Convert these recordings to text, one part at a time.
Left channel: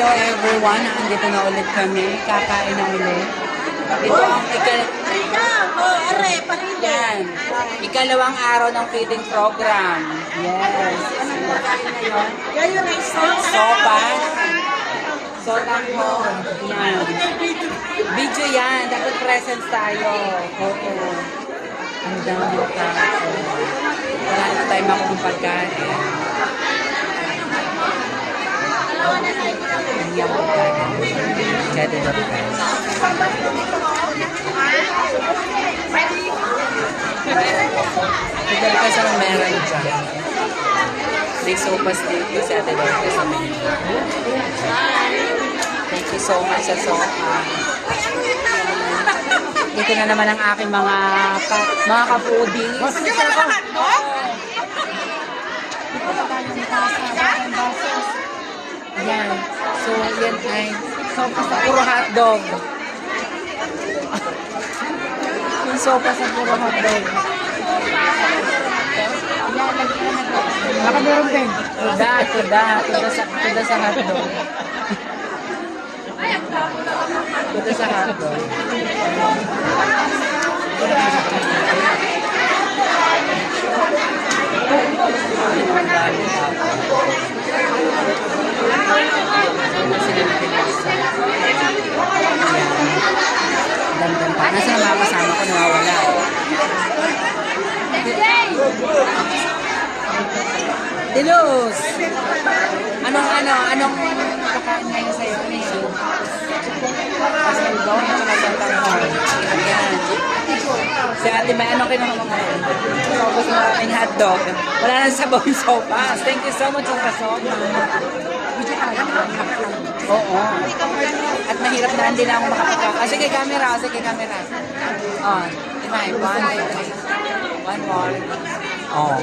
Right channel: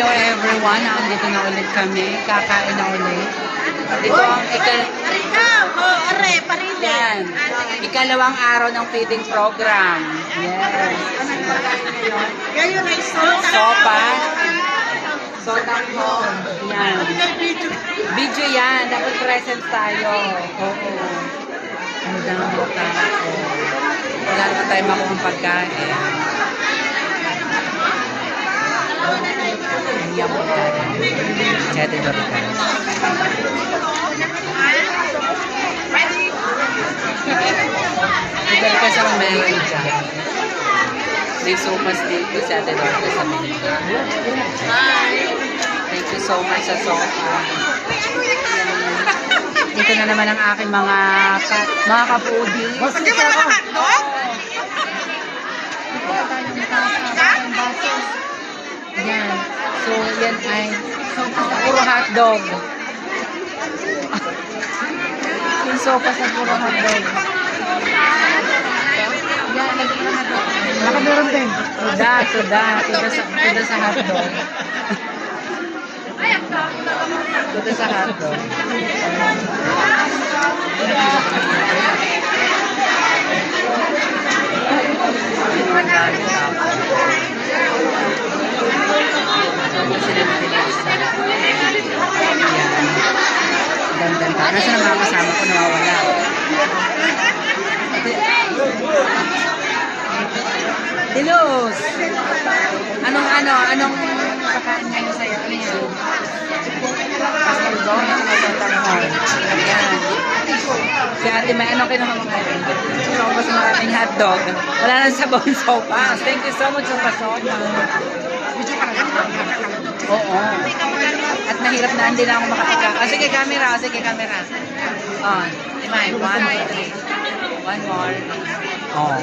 Hello everyone, andito na ulit kami, kakain na ulit. Ito ang ikal Oh, are, parili. yan, ikalawang araw ng feeding program. Yes. Anong pagkain ngayon? Ngayon ay sosa. Sopa. Sotang po. Yan. Video yan. Dapat present tayo. Oo. Ang dami tao. Wala na tayo makuha pagkain. Hindi ang pagkain. Chete Dorcas. Si Dorcas ang meron dyan. May sopas dito si Ate Dorcas sa menu. Thank you so much sa sopa. Dito na naman ang aking mga ka, mga ka-foodies. Hindi mo naman hotdog? Dito na tayo ng basa, ng baso. Yan. So, yan ay sopa sa puro hotdog. Yung sopa sa puro hotdog. Yan, lagi na hotdog. Nakaduron din. Tuda, tuda. Tuda sa, tuda sa hotdog. tuda sa hotdog. Ang dami tao. Sama sila Pinesa. Ayan. Dandan pa. Nasaan ang mga kasama ko? Nawawala. Dilos! Anong ano? Anong pakain ngayon sa'yo? Ano yan? Pastel bone at saka santang horn. Ayan. Si ate may ano kinuha mo ngayon? Sopas maraming hotdog. Wala nang yung sopas. Thank you so much sa pasopa. Oo. At mahirap na hindi na ako makapagka. Ah, sige, camera. Ah, sige, camera. Oh, Imay. One, two, three. One more. Oh.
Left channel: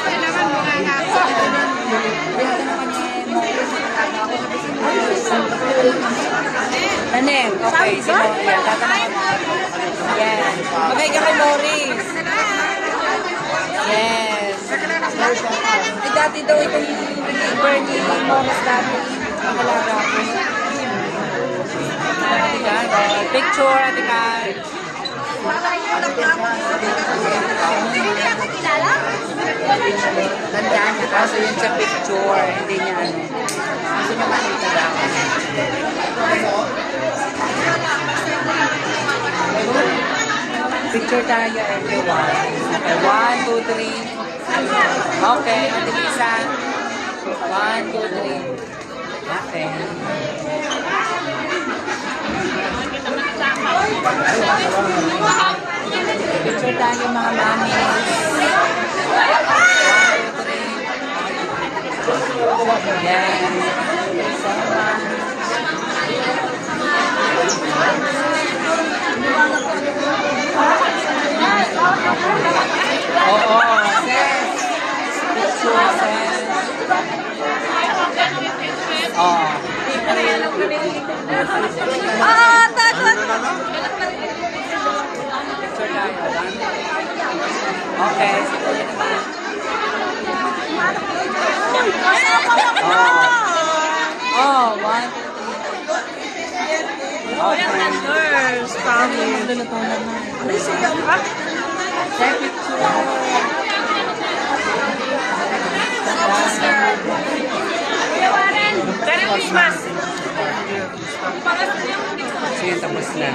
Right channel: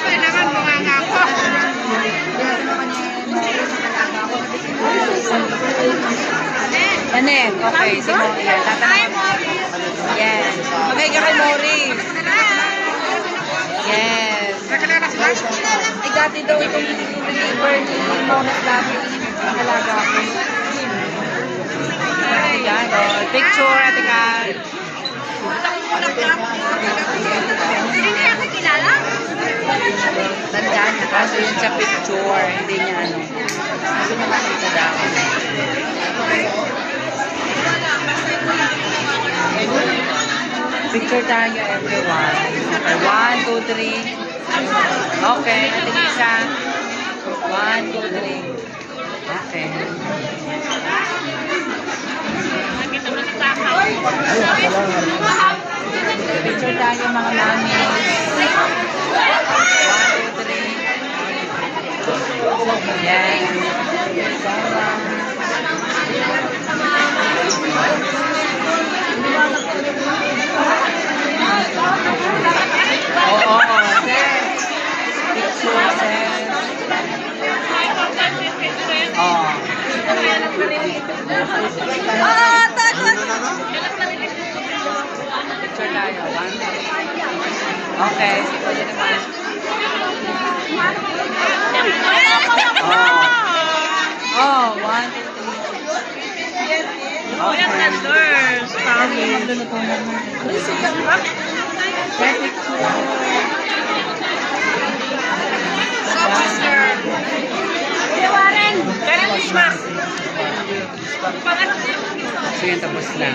Kailangan mo nga Mori kalaga ako. Tanet. Okay, si Mori. Yan. Tatanong ka. Yes. Magay ka kay Morris. Yes. Ay, dati daw itong reliever ni Morris dati. Ang alaga ko. Ate Kat, oh, Picture, Ate Kat. Tanda niya, kaso yun sa picture, hindi niya ano. Gusto niya makita daw. Picture tayo, everyone. Okay, one, two, three. Okay, Ate Lisa. One, two, three. Okay. Picture tayo mga mami. Yes. So much. Oo, sis. Picture, sis. Oh. Oo, tago. Picture tayo. One. Okay, si Kuya naman. Oh. Oh, one, two, three. Okay. Nurse, Kami magluluto naman. Ano yung ba? Take picture. Tapos na. So yan, tapos na.